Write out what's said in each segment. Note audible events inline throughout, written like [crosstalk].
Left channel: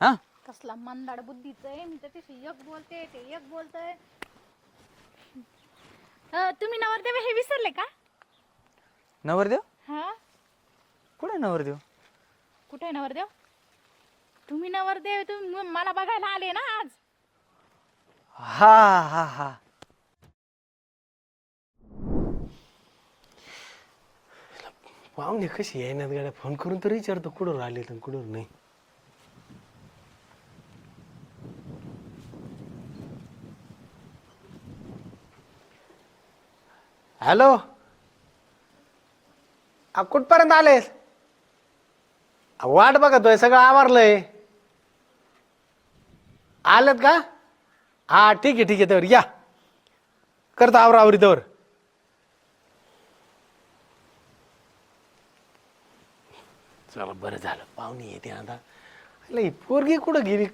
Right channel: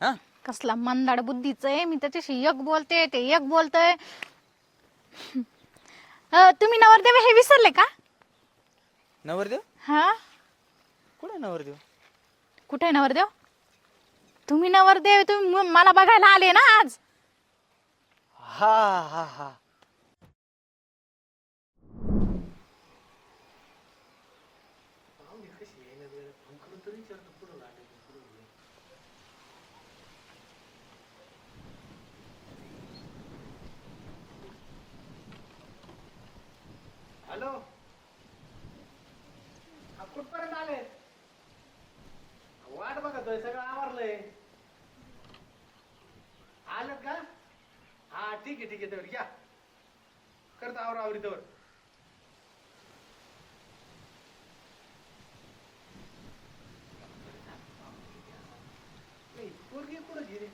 हा? कसला मंदाड बुद्धीचं आहे मी त्याच्याशी एक बोलते ते एक बोलतय. अं, तुम्ही नवरदेव हे विसरले का? नवरदेव? हा? कुठे नवरदेव? कुठे आहे नवरदेव? तुम्ही नवरदेव तुम्ही म- मला बघायला आले ना आज? हा हा हा. पाहुणे कशी ना गाड्या फोन करून तर विचारतो कुठं आले तर कुठं नाही? हॅलो? आ, कुठपर्यंत आलेस? आ, वाट बघतोय सगळं आवारलंय. आलेत का? हा ठीक आहे ठीक आहे तर या. करतो आवरा आवरी तर चला बरं झालं. पाहुणे येते आता. अरे ही पोरगी कुठं गेली?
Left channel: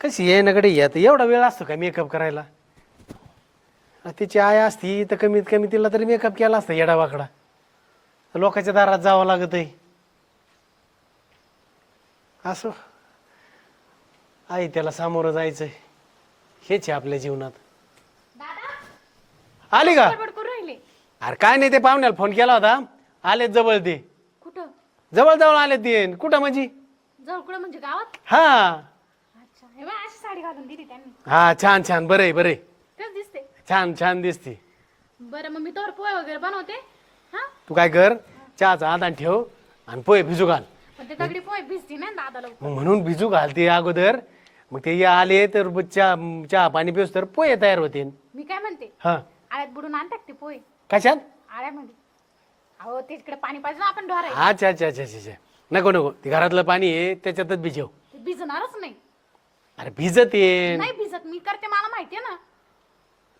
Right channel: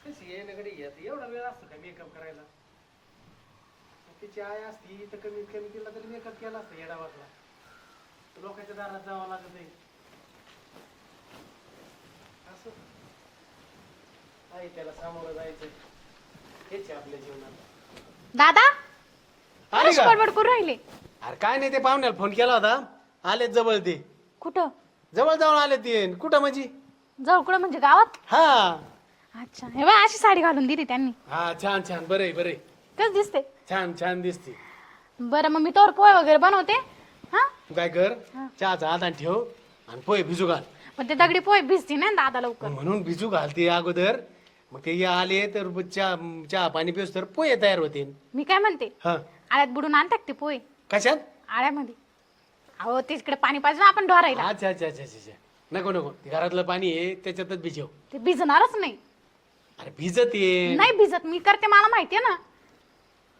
कशी येण्याकडे नकडे येत एवढा वेळ असतो का मेकअप करायला? तिची आई असती तर कमीत कमी तिला तरी मेकअप केला असता येडा वाकडा तर लोकांच्या दारात जावं लागत आहे असो. आई त्याला सामोरं जायचंय. हेच आहे आपल्या जीवनात. दादा? आले का? बडबड करून राहिले. अरे काय नाही ते पाहुण्याला फोन केला होता. आलेत जवळ ते. कुठं? जवळ जवळ आले ते. कुठं म्हणजे? कुठं म्हणजे गावात? हा. अच्छा. हे बघ अशी साडी घालून दिली त्यांनी. हा छान छान. बरं आहे बरं आहे. कस दिसते? छान छान दिसते. बरं मग मी तोर पोहे वगैरे बनवते. हा? तू काय कर चहाचा आदान ठेव आणि पोहे भिजू घाल. पण ते दगडी पोहे भिजते ना दादा लवकर. मग म्हणून भिजू घाल ते अगोदर. मग ते या आले तर चहा चहा पाणी पिऊस तर पोहे तयार होते मी काय म्हणते? हा. आळ्यात बुडून आणतात ते पोहे. कशात? आळ्यामध्ये. अहो तिकडे पाणी पाहिजे ना आपण ढोरायला अच्छा अच्छा अच्छा अच्छा अच्छा. नको नको. ते घरातलं पाणी आहे त्याच्यातच भिजव. ते भिजणारच नाही. अरे भिजत ये. नाही भिजत मी करते मला माहितीये ना.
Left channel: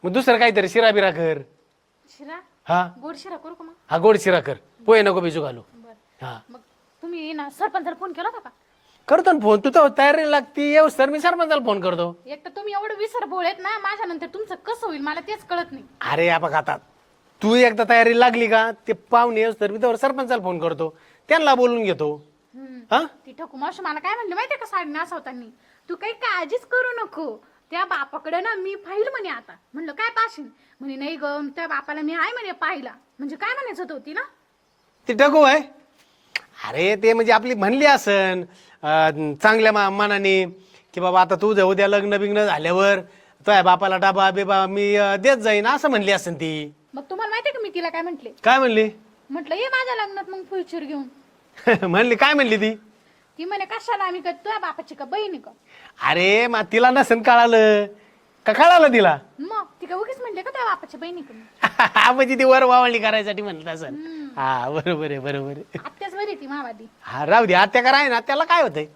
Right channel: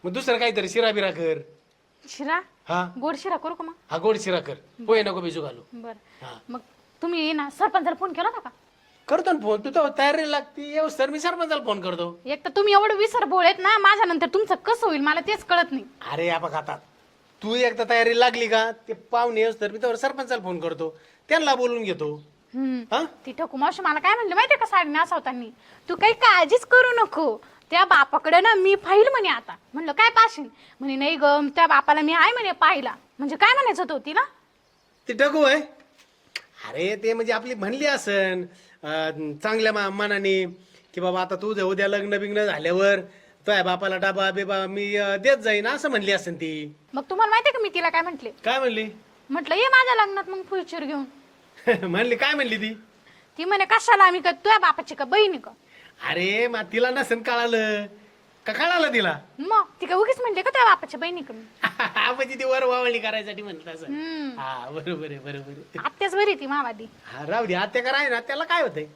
मग दुसरं काहीतरी शिरा बिरा कर. शिरा? हा. गोड शिरा करू का मग? हा गोड शिरा कर. पोहे नको भिजू घालू. बरं. हा. मग तुम्ही ना सरपंचाला फोन केला होता का? करतो ना फोन तू तर तयारी लागते. येऊ सर मी सरपंचाला फोन करतो. एक तर तुम्ही एवढं विसर बोळेत ना माझ्या नंतर तुमचं कसं होईल मला तेच कळत नाही. अरे या बघ आता. तू एकदा तयारी लागली का? ते पाहुणे तर मी तर सरपंचाला फोन करतो. त्यांना बोलून घेतो. हम्म. हा? ती ठकू मावशी मला काय म्हणली माहितीये का साडी नासवताना? तू काही काळजीच करू नको. त्या बापाकडे ना मी पाहिल म्हणे आता. म्हणलं काय पाशील म्हणे नाही ग त्या बापाला मी आहे म्हणे पाहिला. म्हणजे काय म्हणायचं होतं ती ना ते टकू आहे. अरे ते म्हणजे आपली म्हणली असन अं, चांगल्या मा- मनाने की बाबा आता तुझं उद्या लग्न बिग्न झाल्यावर तुझ्या बापाला डाबा बिबा मी अं, देत जाईन असं म्हणली असन ती. मग तुम्हाला माहितीये का मी तिला काय म्हंटले? काय म्हणली? म्हटलं ये माझ्या लग्नात मग फुलचूर घेऊन. [laughs] म्हणली काय म्हणली ती? ती म्हणे कशाला आम्ही का तुझ्या बापाची का बहिणी का? अरे मग तिला नसन कळालं. का कळालं तिला? मग ती काय उगीच म्हणले का त्या बापाच्या बहिणी का मी? म्हणजे ती वर वावळणी करायसाठी म्हणत असं. हम्म. हा बरोबर आहे बरोबर आहे. आत्याच बरी ती मावादी हा राहू दे आत्या करा आहे ना त्याला काय होतंय?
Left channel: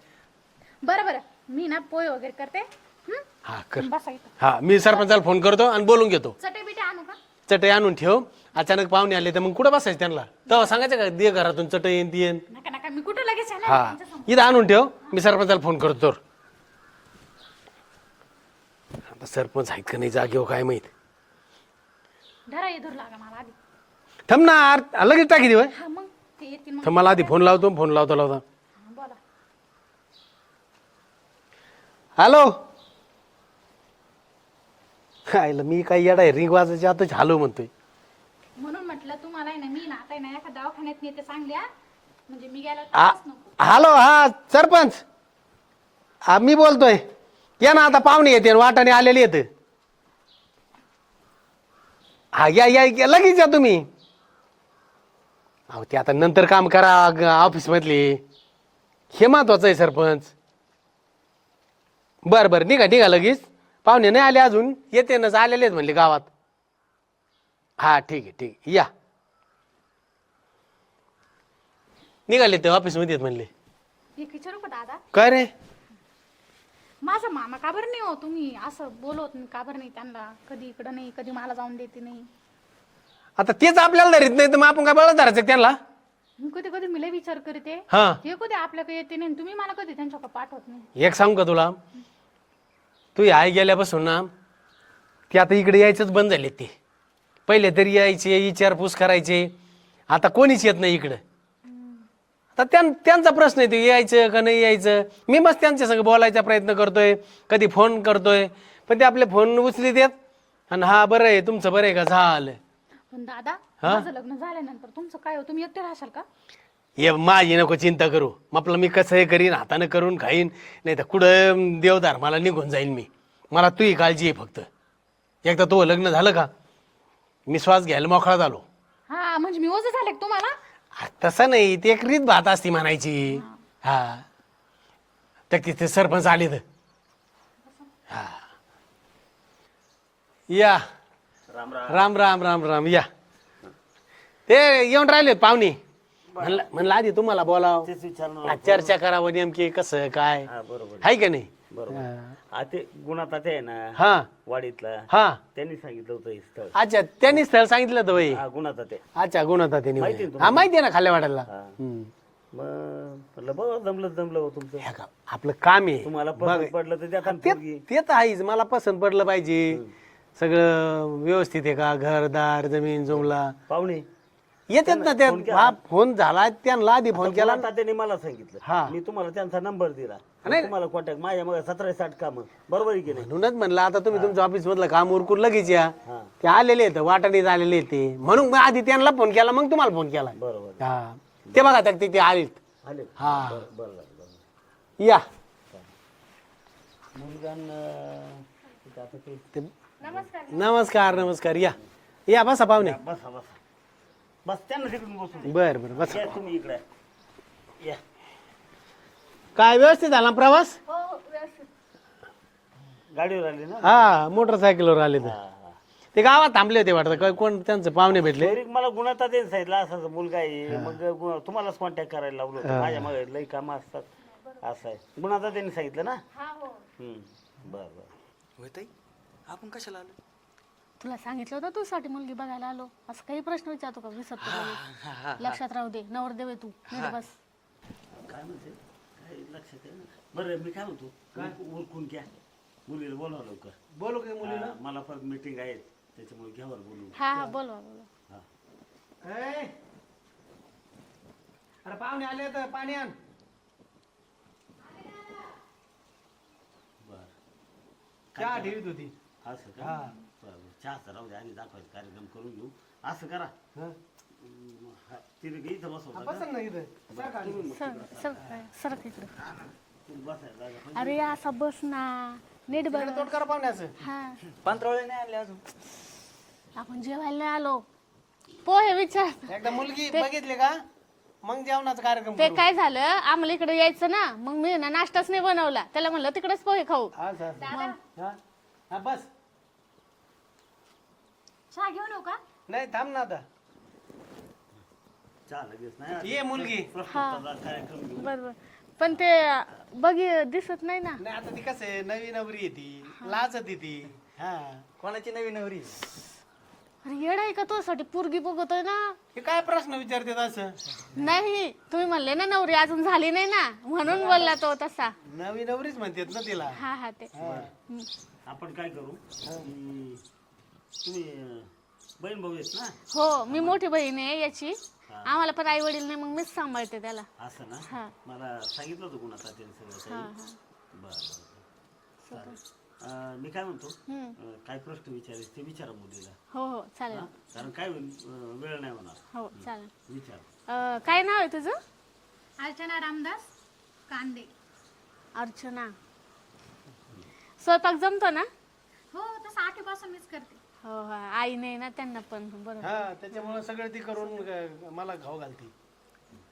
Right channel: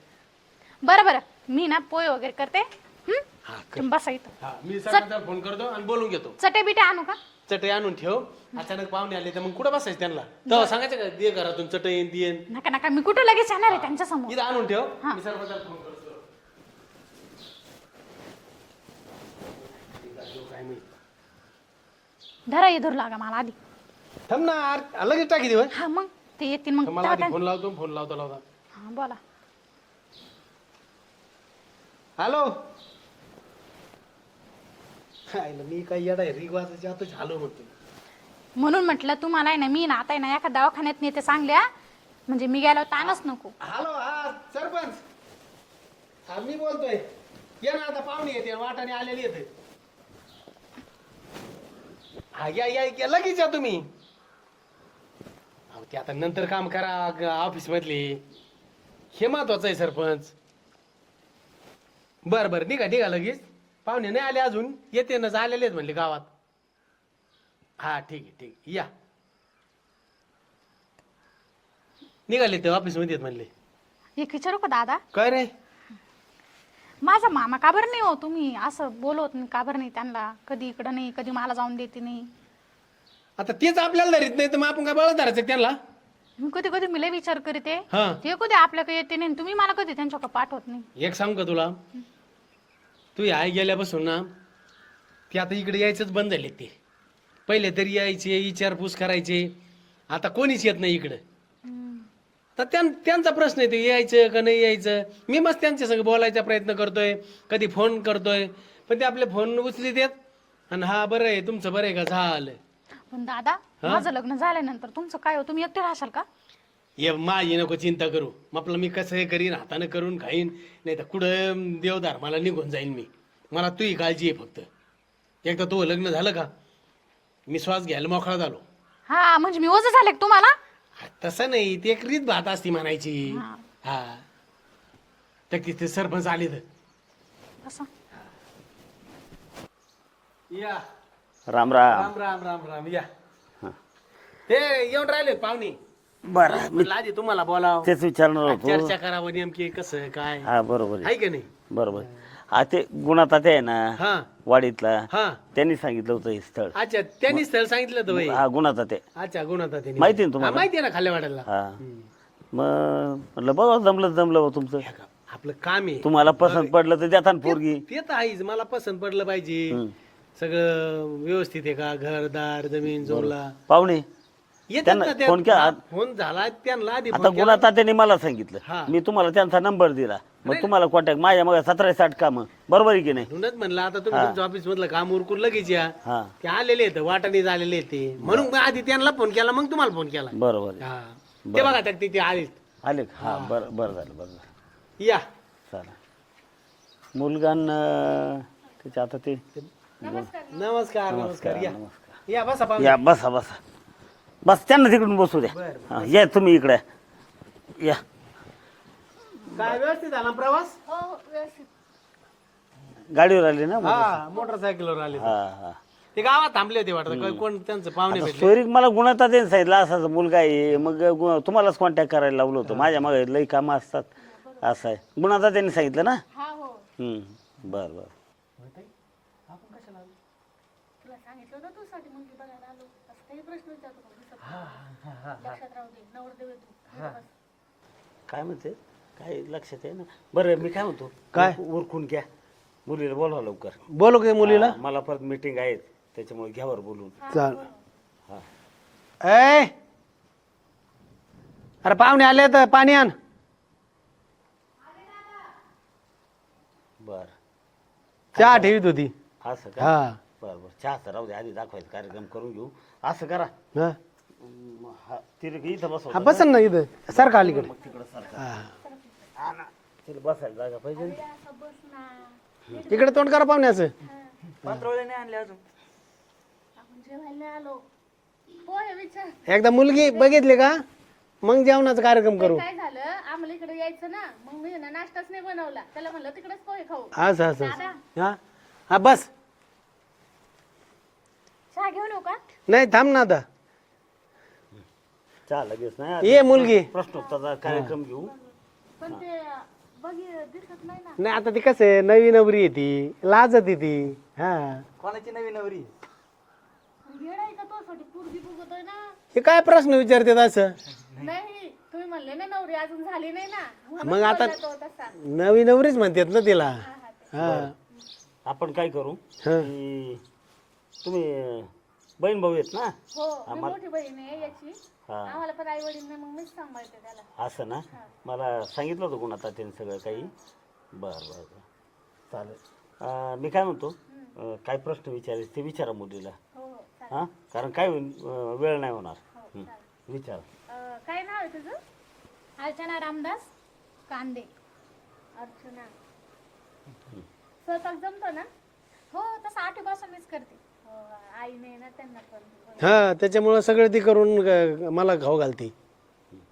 बरं बरं. मी ना पोहे वगैरे करते. हम्म? हा कर. तुम्ही बसा इथं. हा मी सरपंचाला फोन करतो आणि बोलून घेतो. चटे बिटे आणू का? चटई आणून ठेव. अचानक पाहुणे आले तर मग कुठं बसायचं त्यांना? तेव्हा सांगायचं का दे घरातून चटई येईन ती येईन नका नका मी कुठे लगेच येणार आहे त्यांच्यासमोर इथं आणून ठेव. मी सरपंचाला फोन करतो. तर सरपंच आहेत का नाही जागेवर काय माहीत? धरा ये धरू लागा मला आधी. थांब ना आर- लगेच टाकी देऊ हा? मग. ते येतील मग. मला आधी फोन लावतो फोन लावतो लावता. हा बोला. हॅलो? आईला मी काय येडा आहे रिंग वाजायची आता हॅलो म्हणतोय. म्हणून म्हटलं तुम्हाला आहे ना मी ना आता आहे ना एका दवाखान्यात नेते चांगल्या म्हणजे मी गेलो तारच नको. हॅलो हा सरपंच. हा मी बोलतोय. या ना आता पाहुणे येते वाटाने आलेले येत. हा या या या, लगेच या तुम्ही. अहो ते आता नंतर काम करा ऑफिस मधले. हे महत्वाचं आहे सरपंच. बर बर निघा निघा लगेच. पाहुणे नाही आले अजून. येते ना आलेले आहेत म्हणले गावात. हा ठीक आहे ठीक आहे. या. निघाले ते ऑफिसमध्ये आहेत म्हणले. एक विचारू का दादा? काय रे? माझा मामा का बरं नाही हो तुम्ही? असं बोलवत नाही का बरं नाही त्यांना? कधी इकडं नाही कधी मला जाऊन देते नाही. आता तेच आपल्याला धरीत नाही तर मग आपण काय बळच धरायचं का त्यांना? मी कधी कधी मी लय विचार करते. हा. ते कधी आपल्याकडे येते नाही तुम्ही मला कधी त्यांच्याकडे पाठवत नाही. एक सांगू का तुला? तू आई गेल्यापासून ना ती आता इकडे यायचंच बंद झाले ते. पहिले तरी यायचे विचारपूस करायचे. आता कोणीच येत नाही इकडं. आता त्यां- त्यांचा प्रश्न आहे ते यायचं का नाही यायचं? मी बस त्यांच्या संग बोलायचा प्रयत्न करतोय कधी फोन करतोय पण ते आपले फोन उचली देत आणि हा बरं आहे तुमचं बरं आहे का? झालं. पण दादा माझं लग्न झाल्यानंतर तुमचं काय हो? तुम्ही एकटे राहशाल का? ये माझी नको चिंता करू. आपलं मी कसं हे करीन हातानं करून खाईन नाही तर कुठं देवदार मला निघून जाईल मी. मला तुही काळजी आहे फक्त. एकदा तो लग्न झालं का? मी श्वास घ्यायला मोकळा झालो. हा म्हणजे मी ओझं झाले का तुम्हाला? तसं नाही. ती एक रीत भात असती म्हणायची. हा. तर तिथे सरपंच आले तर असं या. राम राम. राम राम राम राम. या. ते येऊन राहिले पाहुणे. बरं. म्हणलं आधी तुम्हाला बोलाव. तेच विचारणार होतो. चर्चा करावं नेमकी कसं काय. हा बरोबर आहे. आहे का नाही? बरोबर हा ते गुणाता ते आहे ना हा. वाडीतला हा. त्यांनी सांगितलं होतं हे स्थळ. अच्छा त्यांनी स्थळ सांगितलं तर बाई हा गुणाता ते अच्छा गुण होता त्यांनी माहिती ना तुम्हाला? माहिती आहे ना खाल्ल्या वाटायला हा मग म्हटलं बघा जमलं जमलं बा तुमचं. आपलं काम आहे. तुम्हाला पसंत पडलं तर ना पोरगी. ते तर आहेच मला पसंत पडलं पाहिजे. सगळं व्यवस्थित आहे का? घरदार जमीन जुमला? पाहुणे. येतात त्यांना ना केला? हा, फोन झाला त्यांना आधी आता फोन केला. गुणाता त्यांनी मला सांगितलं. हा. मी तुम्हाला त्यांचा नंबर दिला. मग तुम्हाला कॉन्टॅक्ट माझ्या मग सतरा साठ काम बरोबर आहे की नाही? म्हणूनच म्हणलं आता तुम्ही तुमच्या ऑफिस मधलं काम उरकून लगेच या. हा. ते आलेले आहेत वाटाणे आलेले आहेत ते. म्हणून मग आधी त्यांना फोन केला मग तुम्हाला फोन केला. बरोबर आहे. हा. ते बघा आता ते ते आलेत. आले का? हा. बरं बरं झालं बरं झालं. या. चालेल. मुलगान त्याच्या आता ते नमस्कार नमस्कार. या. या बसा पाहुणे या. बसा बसा. बस त्यांना तिकडून बसू द्या. बर बर. हा, या तुम्ही इकडे. या. काय व्यवस्थित झाला प्रवास? गाडीवर आले ना? हा मोटरसायकलवर आले ते. हा हा. ते गावात थांबले होते वाटतं. काय कोण त्यांचे पाहुणे भेटले? सोयरीक मला गुणाता त्यांनी सांगितलं असा मुलगा आहे. मग गु- तुम्हालाच कॉन्टॅक्ट करायला लावलं होतं. माझ्या मागे लई कामं असतात. असं आहे. गुणाता त्यांनी सांगितलं ना? हम्म. बरं बरं. आपण कशाला आलो? तुला सांगितलं होतं तू साठी मुलगी बघायला आलो. असं काही प्रश्न विचारतो का? विसरतो का? लक्षात राहू दे. नवरदेव आहे तू. नीट बस. काय म्हणते? काय लक्षात आहे ना बरं मी काय म्हणतो? काय? उर- उरकून घ्या. मुलीला बोलवा लवकर. बोलू का मुलीला? हा, मला परत मीटिंग आहे. त्याच्यामुळे घ्यावर बोलून. हा चाल. बोलवा बोलवा. ए! अरे पाहुणे आले तर पाणी आण. बरं. चहा ठेवीत होती. असं का? हा. बरं बरं. चहा राहू दे आधी दाखवायचं कार्यक्रम करून घेऊ. असं करा. हा. हम्म, तिला इथं बसव हा बसन ना इथं. सारखं अलीकडे सर सरक इकडे तिला बसायला जागा पाहिजे. अरे असा बस ना. नीट बस. इकडे तोंड करा पाहुण्याचं. हा. पांढरवळे नाही आणले अजून? आपण जेवायला नाही आलो पोहे विचार. एकदा मुलगी बघितली का? मग जेवणाचा कार्यक्रम ते करू. काय झालं? आम्हाला इकडे यायचं ना. मग मी ना नाश्ताच नाही बनवला. त्याला म्हणलं तिकडेच पोहे खाऊ. असं असं हा? हा बस. चहा घेऊन येऊ का? नाही थांब ना आता. चहा लगेच नाही ये मुलगी. प्रश्नोत्तराचा कार्यक्रम घेऊ. बरोबर पण ते बघी दिसत नाही ना. नाही आता ती कसं आहे नवी नवरी आहे ती. लाजत आहे ती. हा. कोणाची नवी नवरी? अरे येडा आहे का तो साठी पोरगी बघतोय ना. हे काय प्रश्न विचारतात असं? नाही तुम्ही म्हणले ना नवरी अजून झाली नाही ना. म्हणून मग आता- बोलला तो तसा. नवी नवरीच म्हणतात ना तिला. हा हा ते. हा. आपण काय करू? हा. की तुम्ही बहीण भाऊ आहेत ना? हो मी मोठी बहीण आहे याची. आम्हाला पण आई वडील नाही मग मीच सांभाळते त्याला. असं ना? हा. मला सांगितलं होतं कोणाचा त्यांनी सगळं काही. बरं बरं बरं. चालेल. अं, मी काय म्हणतो? अं, काय प्रश्न विचारायचे ते विचारा मुलीला. हो हो चालेल. हा? कारण काय होईल अं, वेळ नाही होणार. हो चालेल. विचार. अं, काय नाव आहे तुझं? अर्चना रामदास कांदे. अर्चना. स्वयंपाक जमतो ना? हो तसं आठवीपासून मीच करते. हो हो. आई नाही ना त्यांना पण बरं हा त्याच्यामुळं सगळं ती करून मला खाऊ घालते.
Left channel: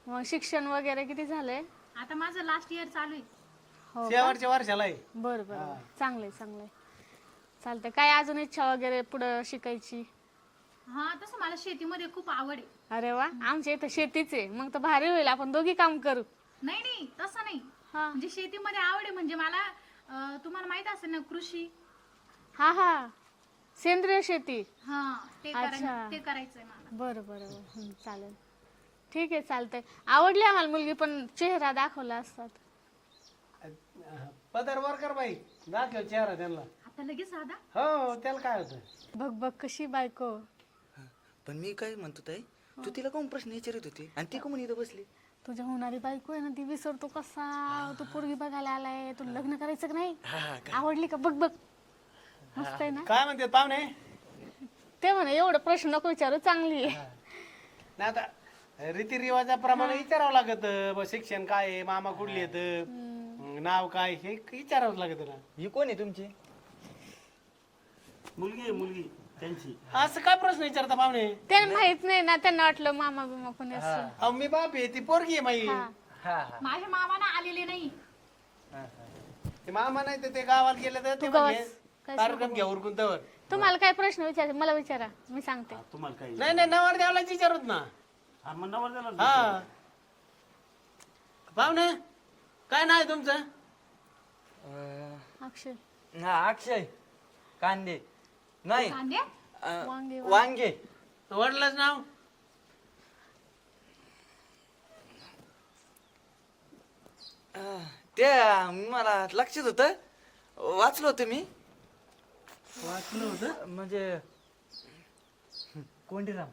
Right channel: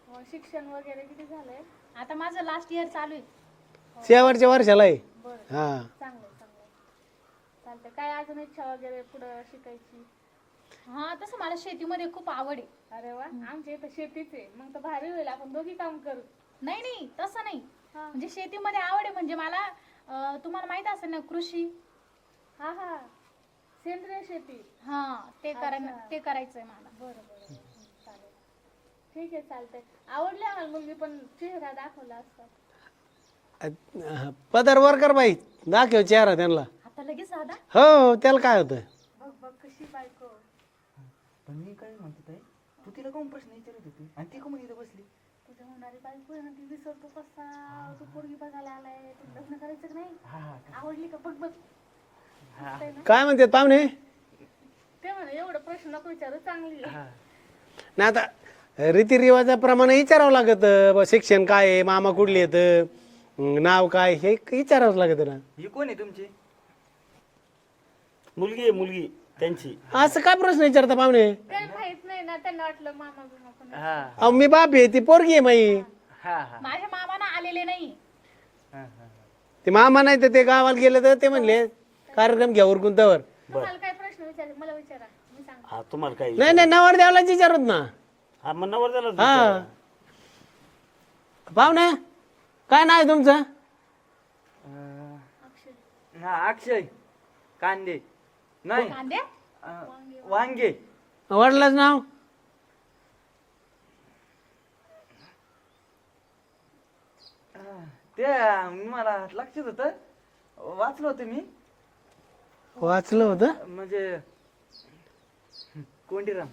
मग शिक्षण वगैरे किती झालंय? आता माझं लास्ट इयर चालू आहे. शेवटच्या वर्षाला आहे. बरं बरं. हा. चांगलंय चांगलंय. चालतंय. काय अजून इच्छा वगैरे पुढं शिकायची? हा तसं मला शेतीमध्ये खूप आवड आहे. अरे वा आमच्या इथं शेतीच आहे. मग तर भारी होईल आपण दोघी काम करू. नाही नाही तसं नाही. हा. म्हणजे शेतीमध्ये आवड आहे म्हणजे मला अं, तुम्हाला माहीत असेल ना कृषी. हा हा. सेंद्रिय शेती. हा ते अच्छा. करायचं ते करायचंय मला. बरं बरं. हं, चालेल. ठीक आहे चालतंय. आवडली आम्हाला मुलगी पण चेहरा दाखवला असतात. अ- पदर वर कर बाई. दाखव चेहरा त्यांना. आता लगेच दादा? हो त्याला काय होतं बघ बघ कशी बायको. पण मी काय म्हणतो ताई तू तिला कोण प्रश्न विचारत होती? आणि ती कोण इथं बसली? तुझ्या होणारी बायको आहे ना ती विसरतो कसा? तू पोरगी बघायला आलाय तू लग्न करायचं का नाही? आवडली का? बघ बघ. मस्त आहे ना? काय म्हणते पाहुणे? ते म्हणा एवढं प्रश्न नको विचारू चांगली आहे. ना आता रीतिरिवाजाप्रमाणे विचारावं लागत ब शिक्षण काय आहे मामा कुठले येत नाव काय हे विचारावं लागत ना. ही कोण आहे तुमची? मुलगी आहे मुलगी त्यांची. असं काय प्रश्न विचारता पाहुणे? त्यांना माहीत नाही ना त्यांना वाटलं मामा बिमा कोणी असं. अहो मी बाप आहे ती पोरगी आहे माई हा. हा माझ्या मामाना आलेले नाही. हा, हा. ते मामा नाही तर ते गावाला गेले तर ते म्हणले कार्यक्रम घ्या उरकून तवर. तुम्हाला काय प्रश्न विचार मला विचारा मी सांगते. हा तुम्हाला काही नाही नाही नवर द्यावला विचारत ना. हा मग नवर हा. झाला पाहुणे काय नाव आहे तुमचं? अक्षय. अक्षय. कांदे. नाही. कांदे? वांगे वांगे. वडिलाच नाव? ते मला लक्षात होत. वाचलं होतं मी. वाचलं होतं? म्हणजे कोंडीराम.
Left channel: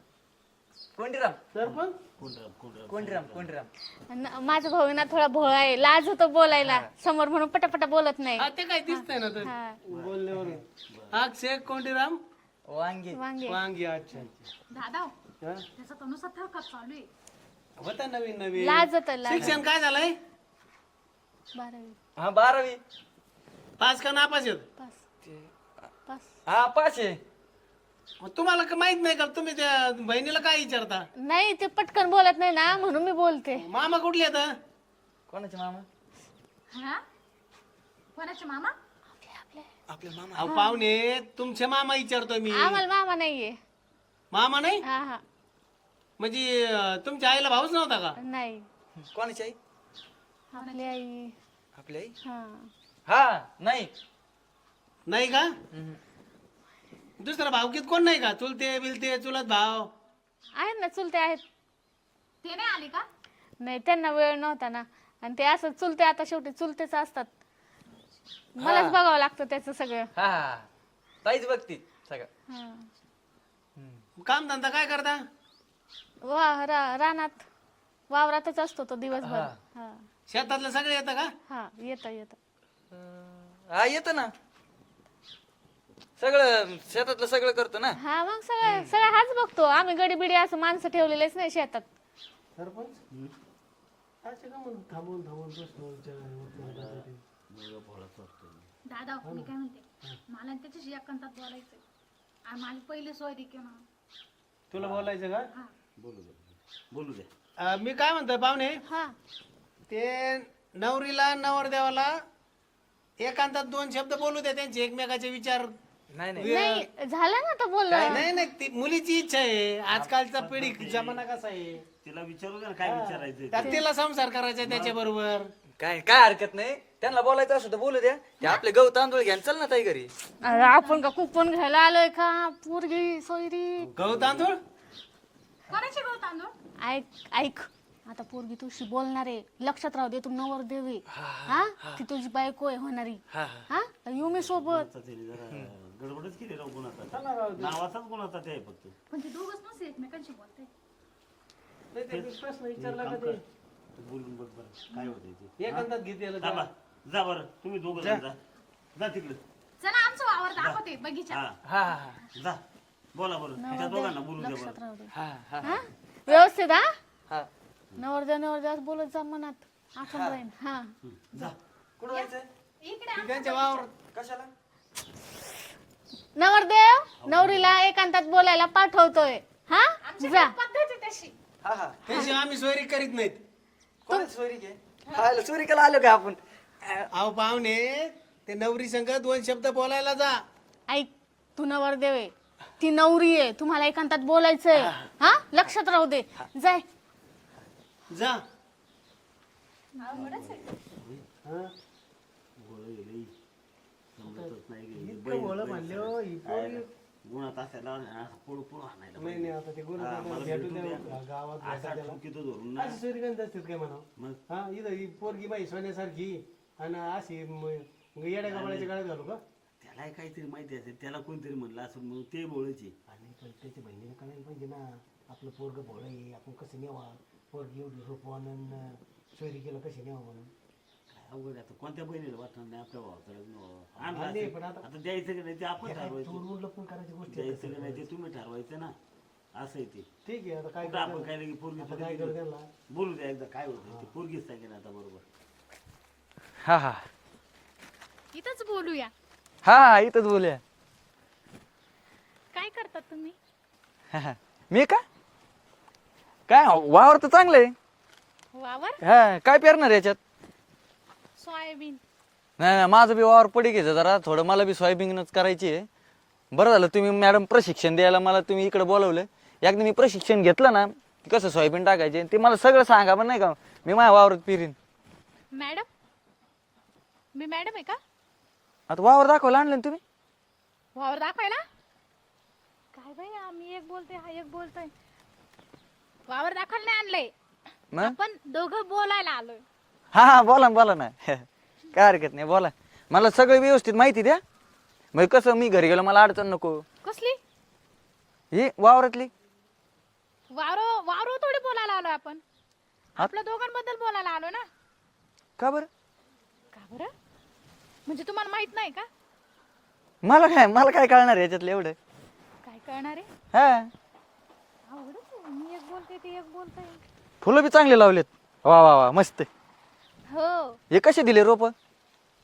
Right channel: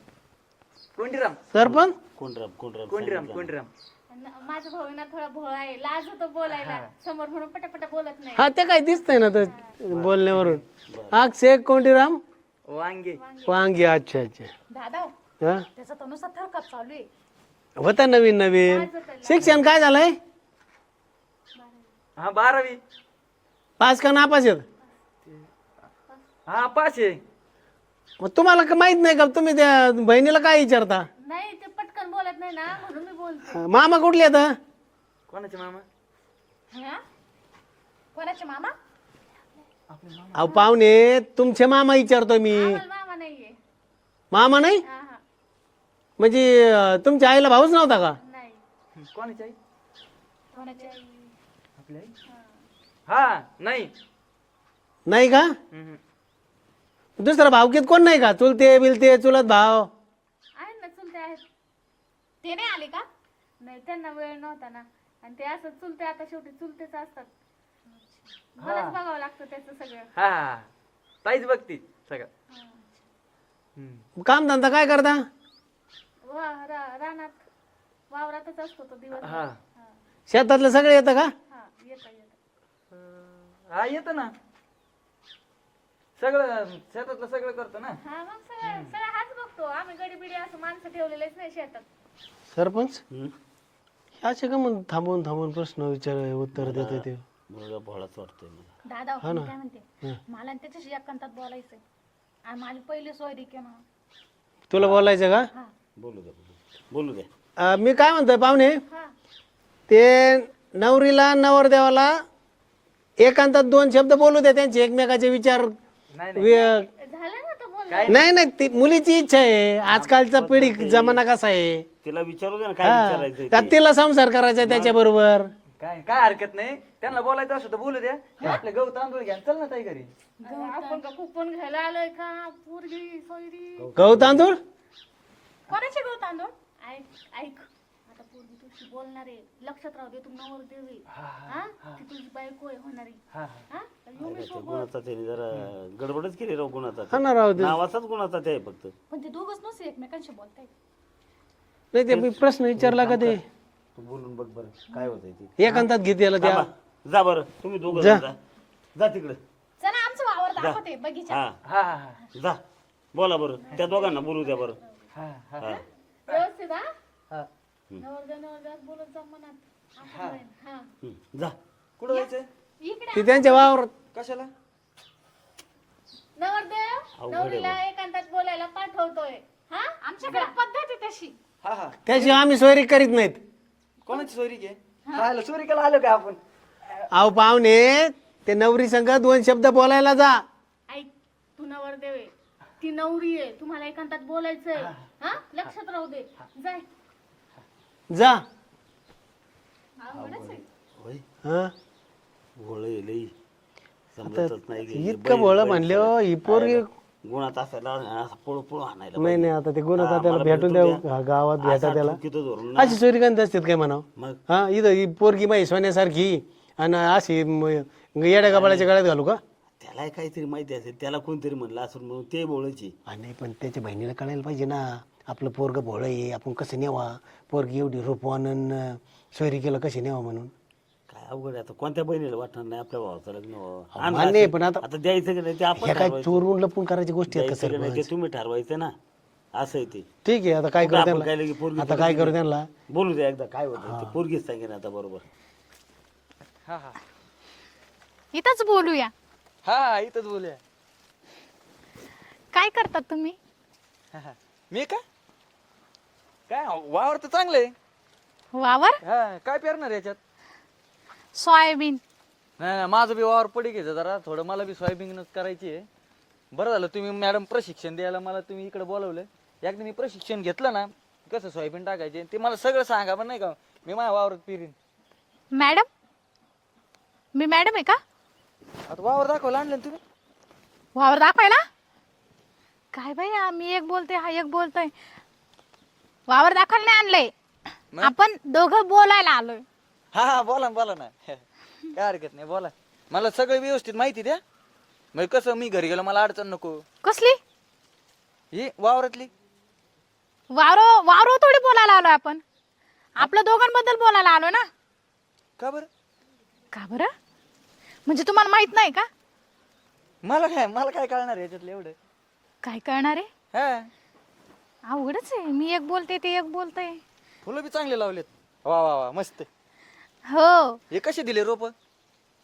कोंडीराम. सरपंच? कोणराम कोंडीराम कोंडीराम न- माझा भाऊ आहे ना थोडा भोळा आहे लाज होतो बोलायला. समोर म्हणून पटापटा बोलत नाही. हा ते काय दिसतंय ना तर बोलण्यावरून. अक्षय कोंडीराम? वांगे. वांगे. अच्छा अच्छा. दादा हा? त्याचा तर नुसता थरकाप चालू आहे. होता नवीन नवीन. लाज होतं लाज. शिक्षण काय झालंय? बारावी. हा बारावी. पास का नापास पास. हा पाच आहे मग तुम्हाला का माहीत नाही का? तुम्ही त्या बहिणीला काय विचारता? नाही ते पटकन बोलत नाही ना म्हणून मी बोलते. मामा कुठले आता कोणाचे मामा? हा? कोणाचे मामा? आपले मामा. अहो पाहुणे तुमचे मामा विचारतो मी. आम्हाला मामा नाहीये. मामा नाही? हा हा. म्हणजे अं, तुमच्या आईला भाऊच नव्हता का? नाही. कोणाची आई? आपली आई. आपली आई? हा. हा नाही. नाही का? हम्म. दुसरा भावकीत कोण नाही का? चुलते बिलते चुलत भाव. आहेत ना चुलते आहेत. ते नाही आले का? नाही त्यांना वेळ नव्हता ना. आणि ते असं चुलते आता शेवटी चुलतेच असतात. मलाच बघावं लागतं त्याचं सगळं. हा. ताईच बघती सगळं. हा. काम धंदा काय करता? वा रा- रानात वावरातच असतो तो दिवसभर. हा. हा. शेतातलं सगळं येतं का? हा येतं येतं. हा येतं ना. सगळं शेतातलं सगळं करतो ना? हा मग सगळं सगळं हाच बघतो. आम्ही गडी बिडी असं माणसं ठेवलेलेच नाही शेतात. सरपंच. असे का म्हणून थांबून थांबून प्रश्न विचार उत्तर देते ते मुलगा भोळाच वाटतोय मला. दादा मी काय म्हणते? मला आणि त्याच्याशी एकांतात बोलायचंय. आणि माझी पहिली सोयरी की म्हणून तुला बोलायचं का? बोलू द्या बोलू द्या. बोलू द्या. अं, मी काय म्हणतोय पाहुणे? हा. ते नवरीला नवरदेवाला एकांतात दोन शब्द बोलू दे त्यांचे एकमेकाचे विचार नाही नाही. झालं ना नाही नाही ती मुलीची इच्छा आहे. आजकालचा पिढी जमाना कसा आहे? तिला विचारू द्या ना काय विचारायचं त्यात तिला संसार करायचा त्याच्या बरोबर काय काय हरकत नाही. त्यांना बोलायचं असं तर बोलू द्या. ते आपले गहू तांदूळ घ्या आणि चल ना ताई घरी. अरे आपण का कुपन घ्यायला आलोय का? पोरगी सोयरी. गहू तांदूळ? कोणाचे गहू तांदूळ? ऐक ऐक. आता पोरगी तुझी बोलणार. आहे लक्षात राहू दे तू नवर देवी. हा ती तुझी बायको आहे होणारी. हा हा. येऊ मी सोबत. गुणाचा त्याने जरा गडबडच केली राव गुणाचा. हा ना राहू दे. नावाचाच गुणाचा ते आहे फक्त. पण ते दोघच नसते एकमेकांशी बोलताय नाही ते मी प्रश्न विचारला का ते? तू बोलून बघ बरं काय होतंय ते. एकांतात घेते याला त्या. थांबा. जा बरं. तुम्ही दोघं जा. जा. जा तिकडे. चला आमचं वावर दाखवते बगीचा. हा. हा हा हा. जा. बोला बरं. त्या दोघांना बोलू द्या बरं. हा हा. हा? व्यवस्थित हा? हा. नवर द्या नवर द्या बोलत जा मनात. आपण राहीन हा. हं, जा. कुठं जायचं इकडे ती त्यांच्या वावरात. कशाला? नवरदेव नवरीला एकांतात बोलायला पाठवतोय. हा? पद्धत आहे तशी. हा हा. त्याशिवाय आम्ही सोयरी करीत नाहीत. कोणाची चोरी घे राहिलं चोरी केला आलो का आपण? अहो पाहुणे ते नवरी संग दोन शब्द बोलायला जा. ऐक तू नवरदेव आहे. ती नवरी आहे. तुम्हाला एकांतात बोलायचंय. हा लक्षात राहू दे. जाय. जा. हा भोळ लई. समजतच नाही की इतकं बोळ म्हणले हो पोरगी गुणात असायला असं पळू पळू आणायला नाही नाही आता ते गुन्हा त्याला भेटून द्या हा, गावात भेटा त्याला. अशी चोरी करत असतात काय म्हणाव? मग? हा इथं ही पोरगी माही सोन्यासारखी आणि अशी म- येड्या गबाळाच्या गळ्यात घालू का? त्याला काहीतरी माहिती असेल त्याला कोणतरी म्हणलं असं म्हणून ते बोलायची. नाही पण त्याच्या बहिणीला कळायला पाहिजे ना. आपलं पोरग भोळ आहे आपण कसं नेवा पोरगी एवढी रूपवान सोयरी केलं कशी न्यावं म्हणून? काय अवघड आहे आता. कोणत्या बहिणीला वाटणार नाही? आपल्या भावाचं लग्न व्हावं. मान्य आहे, असेल. पण आता- आता द्यायचं की नाही ते आपण काय ठरवायचं. चोरून लपून करायची गोष्टी आहेत का द्यायचं की नाही ते सरपंच तुम्ही ठरवायचं ना. असं आहे ते. ठीक आहे आता काय करू आपण काय लगे त्यांना पोरगी आता काय करू त्यांना? बोलू द्या एकदा काय होतं. ते पोरगीच सांगेन आता बरोबर. हा हा. इथंच बोलूया. हा हा इथंच बोलूया. काय करतात तुम्ही? हा, हा. मी का? काय वावर तर चांगलं आहे वावर? हा काय पेरणार याच्यात? सोयाबीन. नाही नाही, माझं बी वावर पडी घ्यायचं जरा. थोडं मला बी सोयाबीनच करायची आहे. बरं झालं तुम्ही मॅडम प्रशिक्षण द्यायला मला तुम्ही इकडे बोलवलं. एकदा मी प्रशिक्षण घेतलं ना की कसं सोयाबीन टाकायचे ते मला सगळं सांगा पण नाही का? मी माझ्या वावरात पेरीन. मॅडम? मी मॅडम आहे का? आता वावर दाखवायला आणलं ना तुम्ही? वावर दाखवायला? काय बाई मी एक बोलते हा एक बोलतोय. वावर दाखवायला नाही आणलंय? आपण दोघं बोलायला आलोय. हा हा बोला ना बोला ना. [laughs] काय हरकत नाही बोला. मला सगळं व्यवस्थित माहिती द्या. म्हणजे कसं मी घरी गेलो मला अडचण नको. कसली? हे वावरातली. वारो वारो थोडी बोलायला आलोय आपण. आपल्या दोघांबद्दल बोलायला आलो ना. का बरं? का बरं? म्हणजे तुम्हाला माहीत नाही का? मला काय मला काय कळणार आहे याच्यातलं एवढं? काय कळणार आहे? हा. अवघडच आहे. मी एक बोलते ते एक बोलते. फुलं बी चांगले लावलेत. वा वा वा मस्त हो. हे कसे दिले रोप?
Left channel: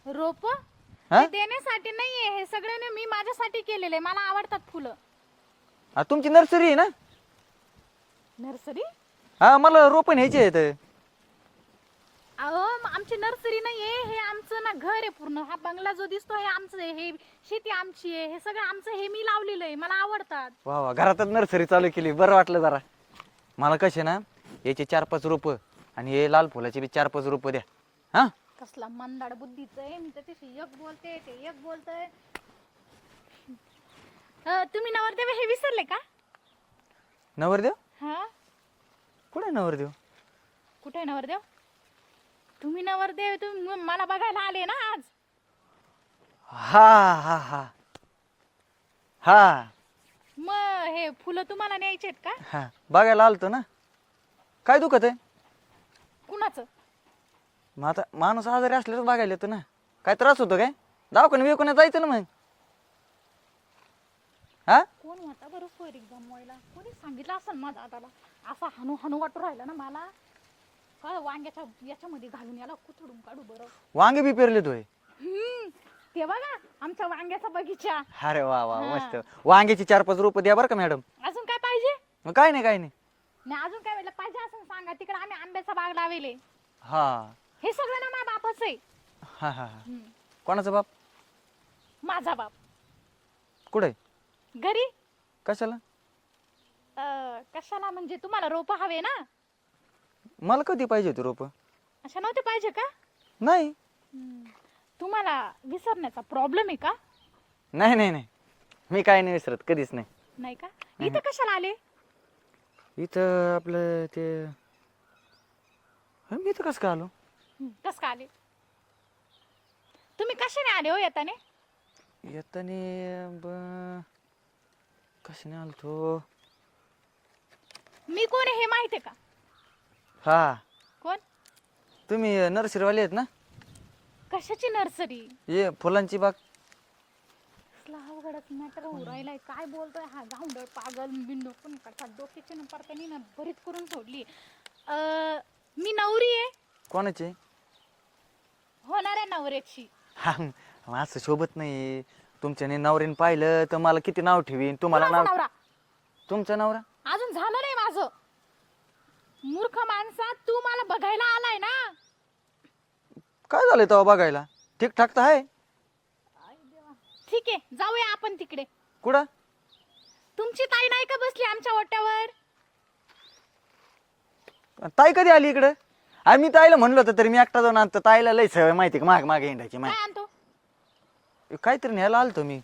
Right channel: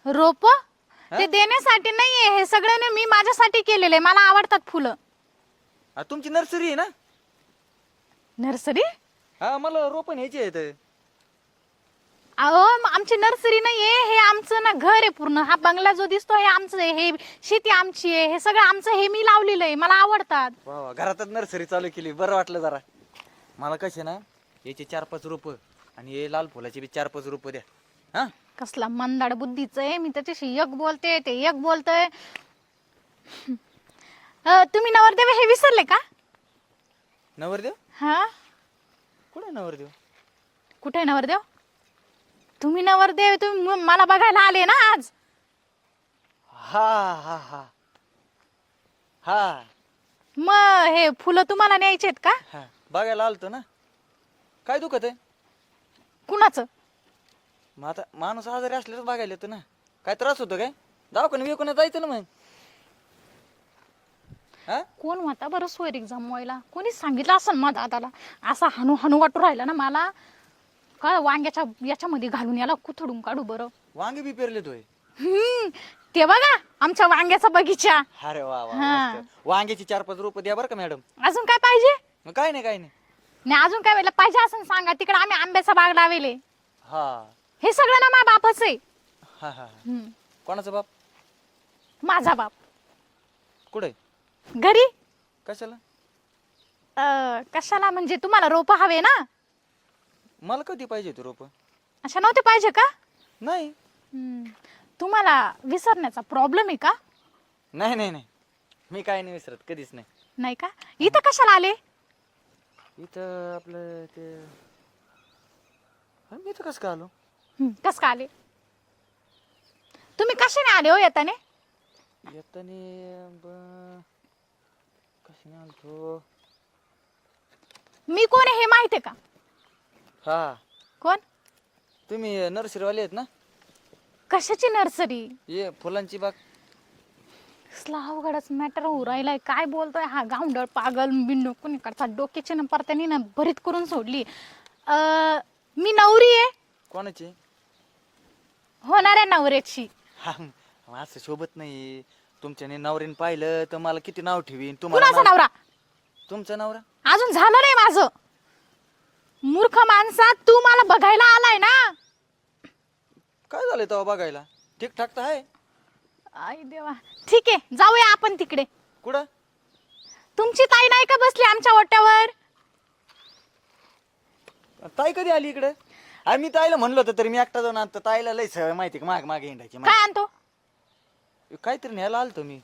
रोप? ते देण्यासाठी नाहीये. हे सगळ्यांनी मी माझ्यासाठी केलेले. मला आवडतात फुलं. तुमची नर्सरी आहे ना? नर्सरी? हा मला रोप न्यायचे आहेत. अहो म- आमची नर्सरी नाहीये हे आमचं ना घर आहे पूर्ण. हा बंगला जो दिसतो हे आमचं आहे हे शेती आमची आहे हे सगळं आमचं हे मी लावलेलं आहे मला आवडतात. वा वा घरातच नर्सरी चालू केली बरं वाटलं जरा. मला कसे ना याचे चार पाच रोप आणि हे लाल फुलाचे बी चार पाच रोप द्या. हा? कसला मंदाड बुद्धीच आहे मी त्याच्याशी एक बोलते ते एक बोलतोय. अं, तुम्ही नवरदेव हे विसरले का? नवरदेव? हा? कुठे नवरदेव? कुठे आहे नवरदेव? तुम्ही नवरदेव तुम्ही म- मला बघायला आले ना आज? हा हा हा. हा. मग हे फुलं तुम्हाला न्यायचे आहेत का? हा. बघायला आलतो ना. काय दुखत आहे? कुणाचं? मग आता माणूस आजारी असल्याच बघायला येतो ना. काय त्रास होतो काय? दवाखान्यात विकून जायचं ना मग. हा? कोण होता बरं सोयरीक जमवायला कोणी सांगितलं असं मग दादाला असा हनू हनू वाटू राहिला ना मला? काय वांग्याच्या याच्यामध्ये घालून याला कुथडून काढू बरं. वांगे बी पेरले हम्म, ते बघा आमच्या वांग्याचा बगीचा. अरे वा वा हा. मस्त. वांग्याची चार पाच रोप द्या बरं का मॅडम. अजून काय पाहिजे? मग काय नाही काय नाही. नाही अजून काय वेळेला पाहिजे असं सांगा. तिकडे आम्ही आंब्याचा बाग लावेले. हा. हे सगळं ना माझ्या बापच आहे. हा हा हा. हम्म, कोणाचा बाप? माझा बाप. कुठे? घरी? कशाला? अं, कशाला? म्हणजे तुम्हाला रोप हवे ना? मला कधी पाहिजे होती रोप? अशा नव्हते पाहिजे का? नाही. हम्म, तुम्हाला विसरण्याचा प्रॉब्लेम आहे का? नाही नाही नाही. मी काय नाही विसरत कधीच नाही. नाही का? इथं कशाला आले? इथं आपलं ते मी इथं कसं काय आलो? हं, कस का आले? तुम्ही कशाने आले हो येताने? येताने ब कशाने आलतो? मी कोण आहे हे माहिती आहे का? हा. कोण? तुम्ही नर्सरीवाले आहेत ना? कशाची नर्सरी? ये फुलांची बाग. कसला अवघडच मॅटर होऊ राहिलाय. काय बोलतोय हा गावंडळ पागल बिंडो. कोणी करता डोक्याची ना परत्यानी ना भरीत करून सोडली. अं, मी नवरी आहे. कोणाचे? होणाऱ्या नवऱ्याची. हा, मग असं शोभत नाही तुमच्याने नवरीने पाहिलं तर मला किती नाव ठेवीन? तुम्हाला कुणाचा नाव- नवरा? तुमचं नवरा? अजून झालं नाही माझं. मूर्ख माणसा तू मला बघायला आलाय ना? काय झालं तेव्हा बघायला? ठीकठाक तर आहे. आई देवा. ठीक आहे जाऊया आपण तिकडे. कुठं? तुमची ताई नाही का बसली आमच्या ओट्यावर? ताई कधी आली इकडे? आणि मी ताईला म्हणलं होतं तरी मी एकटा जाऊन आणतो. ताईला लय सवय माहिती का? माग मागे हिंडायची काय आणतो? काहीतरी न्यायला आलतो मी.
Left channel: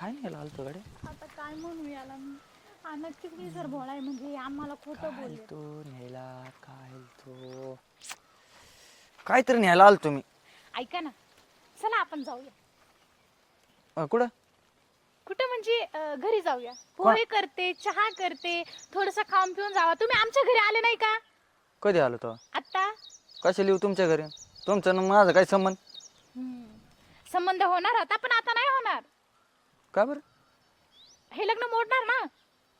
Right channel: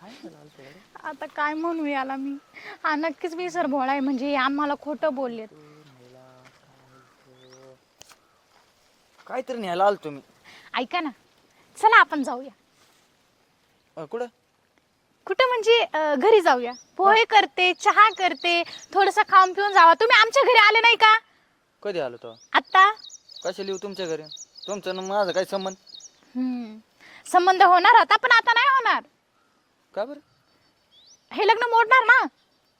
काय न्यायला आलतो गाडी आता काय म्हणू याला मी? हा नक्कीच विसर भोळा आहे. म्हणजे हे आम्हाला खोटं बोलले तो न्यायला काय तो काहीतरी न्यायला आलतो मी ऐका ना. चला आपण जाऊया. अं, कुठं? कुठं म्हणजे अं, घरी जाऊया. पोहे करते चहा करते थोडस खाऊन पिऊन जावा. तुम्ही आमच्या घरी आले नाही का? कधी आलो तो? आत्ता? कशा लिहू तुमच्या घरी? तुमचं न माझं काय संबंध? हम्म. संबंध होणार होता पण आता नाही होणार. का बरं? हे लग्न मोडणार ना?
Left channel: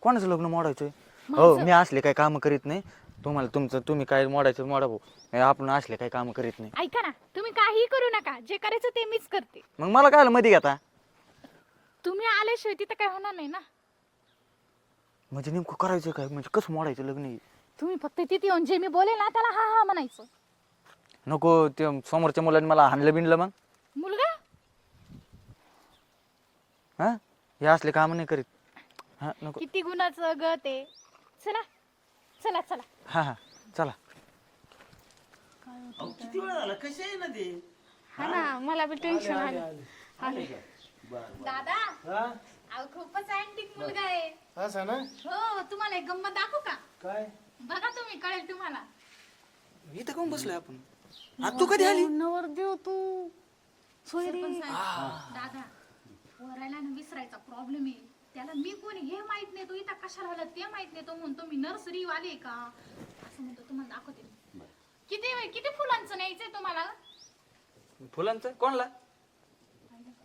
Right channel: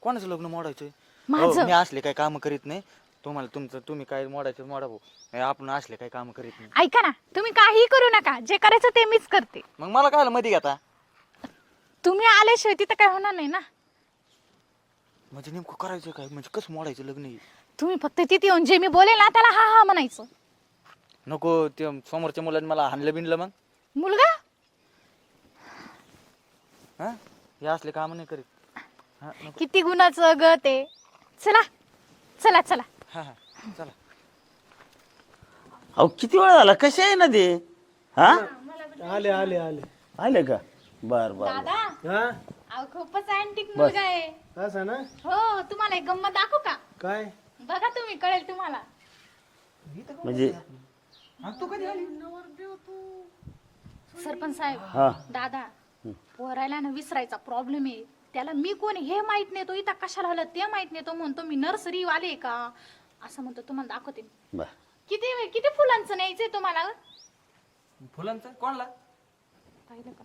कोणाचं लग्न मोडायचं माझं. मी असले काय काम करीत नाही. तुम्हाला तुमचं तुम्ही काय मोडायचं मोडा भाऊ. हे आपण असले काय काम करीत नाही. ऐका ना तुम्ही काही करू नका. जे करायचं ते मीच करते. मग मला काय मध्ये घेता तुम्ही आल्याशिवाय तिथं काय होणार नाही ना? म्हणजे नेमकं करायचं काय? म्हणजे कसं मोडायचं लग्न हे? तुम्ही फक्त तिथे येऊन जे मी बोलेल ना त्याला हा हा म्हणायचं. नको ते समोरच्या मुलांनी मला हाणलं बिनलं मग. मुलगा? हा? हे असले काम नाही करीत. हा नको. किती गुणाचं ग ते. चला चला चला. हा हा. चला. अहो किती वेळ झाला? कसे आहे ना ते हा? हा, मला बी आले टेन्शन आले आलं. आले. आले का? बर बर दादा? हा? अहो, खूपच अँटिक मुलगा आहे. असं ना? हो तुम्हाला एक गंमत दाखवू का? काय? बघा तुम्ही कळेल तुम्हाला. इथं कोण बसलोय आपण? तू कधी आली? नवरदेव तू. सरपंच हा. साहेब दादा पोरायला ना विसरायचा प्रॉब्लेम आहे. त्याला मी कोण आहे हे माहीत नाही तो इथं कशाला आला ते माहीत नाही तो म्हणतो मी नर्सरी वाले का? असं म्हणतो तुम्हाला दाखवते मी. बर. किती किती फुलांचं न्यायचंय तुम्हाला? फुलांचं? कोणला? पाहिलं का?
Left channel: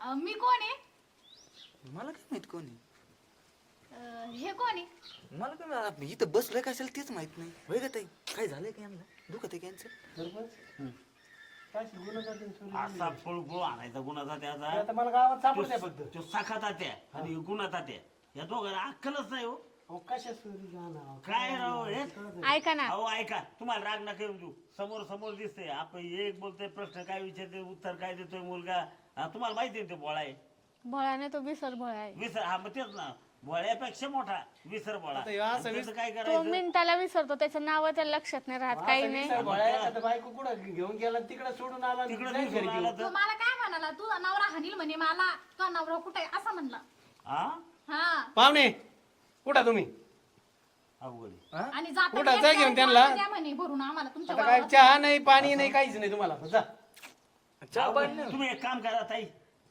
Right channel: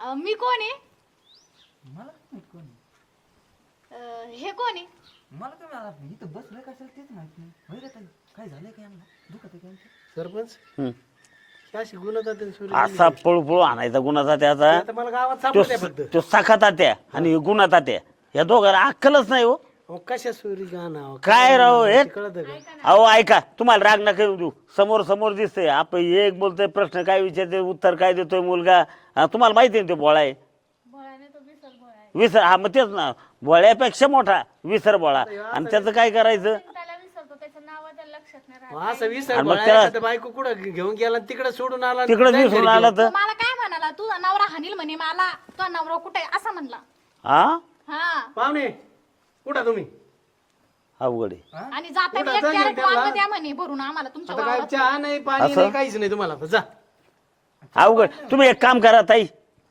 अं, मी कोण आहे? मला काय माहीत कोणी अं, हे कोण आहे? मला काय माहीत इथं बसलोय कशाला तेच माहीत नाही. होय का ताई काय झालंय का यांना? दुखत आहे यांचं? सरपंच? हम्म. ही अशी गुन्हा जाते असा पळपळ आणायचा गुन्हा त्याचा आता. मला गावात तो सापडत फक्त. तो सखा तात्या आणि गुन्हा तात्या या दोघांना अक्कलच नाही हो. अहो, कशा सोयरी गाणं काय राव हे कळत ऐका ना. अहो ऐका. तुम्हाला राग नका येऊ देऊ. समोर समोर दिसतंय. आपण एक बोलतोय प्रश्न काय विचारते उत्तर काय देतोय मुलगा? हा, तुम्हाला माहिती आहे ना तो बोळा आहे? तो आहे. विसर हा मग तेच ना. बोळ्यापेक्षा मोठा विसर बोळा आणि त्याचं काय करायचं? दोन त्याला विसरतो त्याचं नाव त्याला लक्षात नाही राहत काही असं नाही. विसर आणि मग एखादं बायको कुठं घेऊन गेला तिकडे सोडून आला तिकडे नाही दिसून घरी आला. तर? मला काय म्हणाला? तुझा नवरा हानील म्हणे मला. तुझा नवरा कुठे आहे? असं म्हणला. हा? हा. पाहुणे कुठं तुम्ही? अवघड आहे. आणि जाता कुठं? जा घेऊन म्हणे भरून आम्हाला तुमच्या आता काय वावरात. चहा नाही पाणी असं? नाही काहीच नाही तुम्हाला. जा. अवघड. तुम्ही एक काम करा ताई.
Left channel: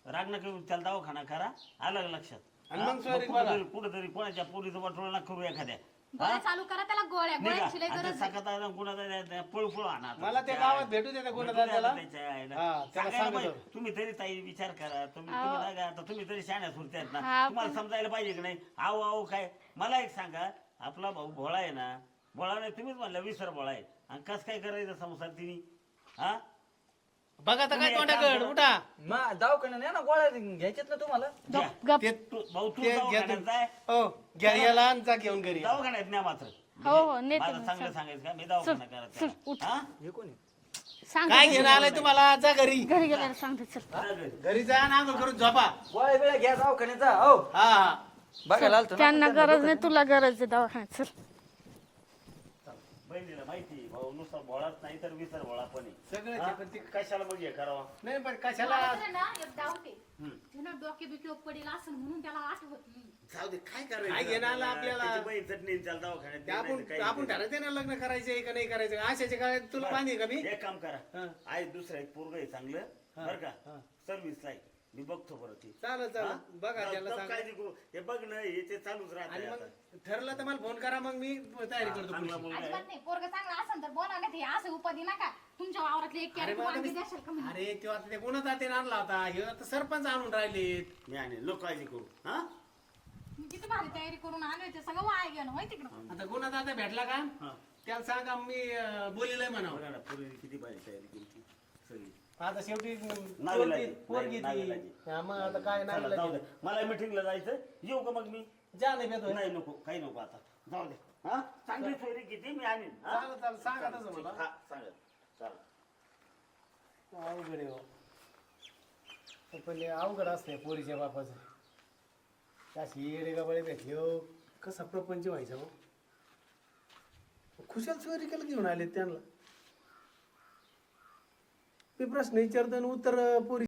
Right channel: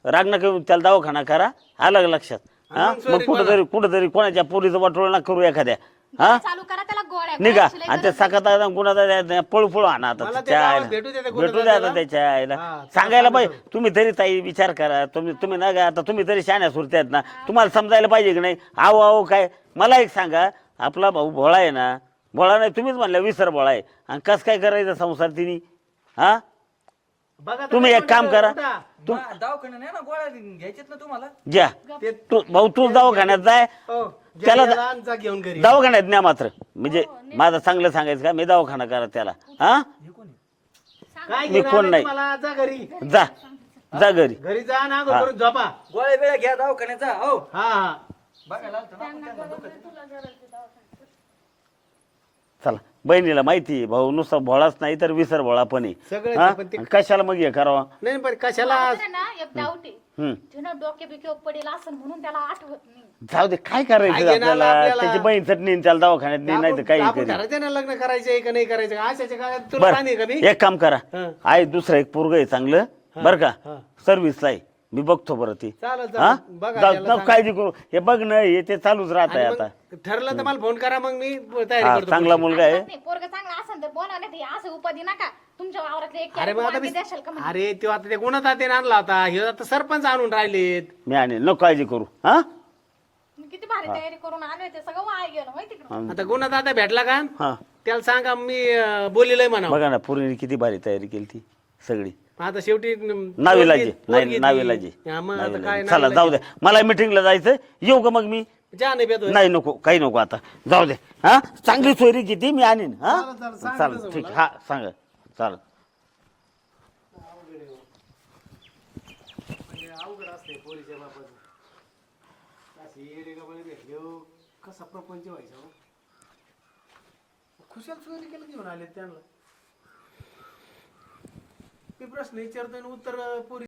राग नका येऊ, त्याला दवाखाना करा. आलं लक्षात? हा? मग कुठंतरी कुठंतरी कोणाच्या पोरीचं वाटोळ ना करू एखाद्या. हा? चालू करा त्याला गोळ्या निघा. आणि ते गरज आहे. सकाळ गुन्हा पळू पळू आणा आता मला त्या त्याच्या गावात आईला. भेटू द्या त्या भेटू द्या गुन्हेगाराला. आता त्याच्या आईला. हा, सांगायला. पाहिजे तुम्ही तरी ताई विचार करा. तुम्ही तुम्ही ना आता तुम्ही तरी शाण्या सुरते आहेत ना. तुम्हाला समजायला पाहिजे की नाही? आहो आहो काय? मला एक सांगा आपला भाऊ भोळा आहे ना. भोळा नाही तुम्हीच म्हणल्या विसर भोळा आहे. आणि कस काय करायचं संसार तिने? हा? बघा तुम्ही एक काम करा. दवाखान्यात नाही ना गोळ्या घ्यायच्यात ना तुम्हाला? घ्या. ते- तू भाऊ तू दवाखान्यात जाय. हो, त्याला- याला आणि जा घेऊन घरी. दवाखान्यात न्या मात्र. म्हणजे हो, नेतो. माझं चांगलं सांगायचं का? मी दवाखाना करा त्याला. हा? हे कोणी सांग. काय मी कोण नाही. तुम्हाला? जा घरी. घरी जा. गेल्यावर सांगते चल. जा घरी. घरी जा ना करून झोपा. गोळ्या बिळ्या घ्या दवाखान्यात जा. हो. हा हा. बघायला आलतो ना. त्यांना गरज नाही तुला गरज आहे दवाखान्यात चला. बहिणीला माहिती आहे, भाऊ नुसता भोळाच नाही तर विसर भोळा पण आहे. सगळं हा? पण ते- आणि कशाला मग हे करावा नाही पण कशाला मला तर ना एक डाऊट आहे हम्म. तुला डोके बिके पडेल असं म्हणून त्याला आठवत नाही जाऊ दे काय काय करायचं घेणार आपल्याला आपल्याला? त्याची बहीण चटणी त्याला दवाखान्यात नेईन नाही तर काही आपण करी ठरवते ना लग्न करायचंय का नाही करायचं आशाच्या काळात तुला सांगेल का मी बर एक काम करा हं. आहे दुसरं एक पोरग आहे चांगलं बर का हं. सर्व्हिसला आहे मी बघतो बरं ती. चालेल, चालेल. हा? बघा, जाऊ त्याला जाऊ, सांगा. काळजी करू. हे बघ ना हे ते चालूच राहत आहे आणि आता. मग ठरलं तर मला फोन करा मग मी तयारी करतो चांगला मुलगा आहे. नाही पोरग चांगला असेल तर बोला नाही तर असं उपाधी नका. तुमच्या वावरातले एक अरे कॅरेट मग आता वांगे द्याशाल का मी? अरे तो आता ते गुन्हा तात्याने आणला होता? हे आता सरपंच आणून राहिलेत. मी आणि नको काळजी करू. हा? मी किती भारी तयारी करून आले होते सगळं वाया गेलं माहिती का? आता गुन्हा तात्या भेटला का? हा. त्याला सांगा मी अं, बोलिलंय म्हणा बघा ना पूर्वीने किती भारी तयारी केली ती सगळी. आता शेवटी नाविलाजी नाही नाविलाजी चला? जाऊ दे. मला मिटिंगला जायचं येऊ का मग मी? जा नाही बेतो नाही नको काही नको आता. जाऊ दे. हा? चांगली सोयरी किती मी आणीन. हा? चालेल, तसं ठीक. हा सांग. चालेल. अवघड असते पोरीच्या बापाचं. भेटले हो. कसा प्रपंच व्हायचा हो. खुशाल चोरी केलं घेऊन आले त्यांना. मी प्रश्न विचारतो आणि उत्तर पोरी